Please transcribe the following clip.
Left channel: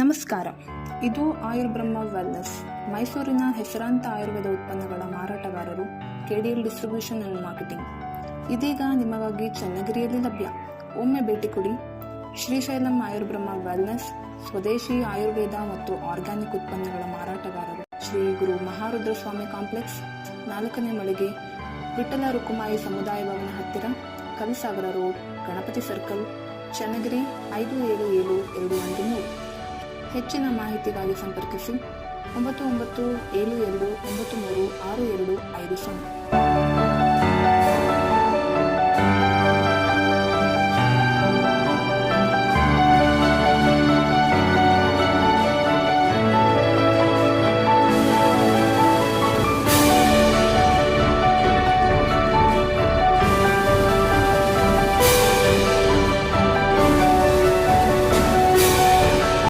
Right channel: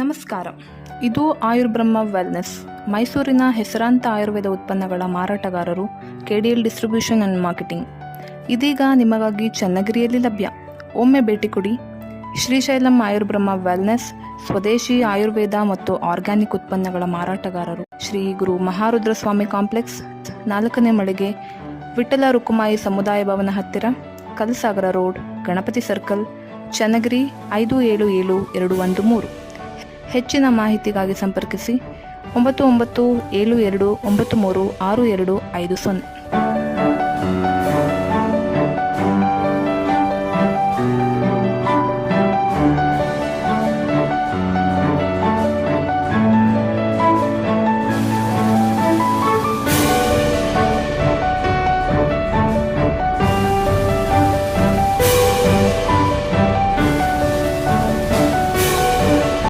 ನಮಸ್ಕಾರ. ಇದು ಆಯುರ್ಬ್ರಹ್ಮ ವೆಲ್ನೆಸ್, ಮೈಸೂರಿನ ಹೆಸರಾಂತ ಆಯುರ್ವೇದ ಉತ್ಪನ್ನಗಳ ಮಾರಾಟಗಾರರು, KDL ಡಿಸ್ಟ್ರಿಬ್ಯೂಷನ್ ಆ್ಯಂಡ್ ಮಾರ್ಕೆಟಿಂಗ್. ಇದೀಗ ನಿಮಗಾಗಿ ಚನ್ನಗಿರಿಯಲ್ಲಿ ಲಭ್ಯ. ಒಮ್ಮೆ ಭೇಟಿ ಕೊಡಿ. ಶ್ರೀಶೈಲಂ ಆಯುರ್ಬ್ರಹ್ಮ ವೆಲ್ನೆಸ್ ಸ್ವದೇಶಿ ಆಯುರ್ವೇದ ಮತ್ತು ಆರ್ಗ್ಯಾನಿಕ್ ಉತ್ಪನ್ನಗಳ ಮಾರಾಟಗಾರರು, ಶ್ರೀ ಗುರು ಮಹಾರುದ್ರ ಸ್ವಾಮಿ ಕಾಂಪ್ಲೆಕ್ಸ್, 4ನೇ ಮಳಿಗೆ, ವಿಠಲ ರುಕುಮಾಯಿ ಸಮುದಾಯ ಭವನ ಹತ್ತಿರ, ಕಲ್ಸಾಗರ ರೋಡ್, ಗಣಪತಿ ಸರ್ಕಲ್, ಚನ್ನಗಿರಿ 577213. ಹೆಚ್ಚಿನ ಮಾಹಿತಿಗಾಗಿ ಸಂಪರ್ಕಿಸಿ 9972936250.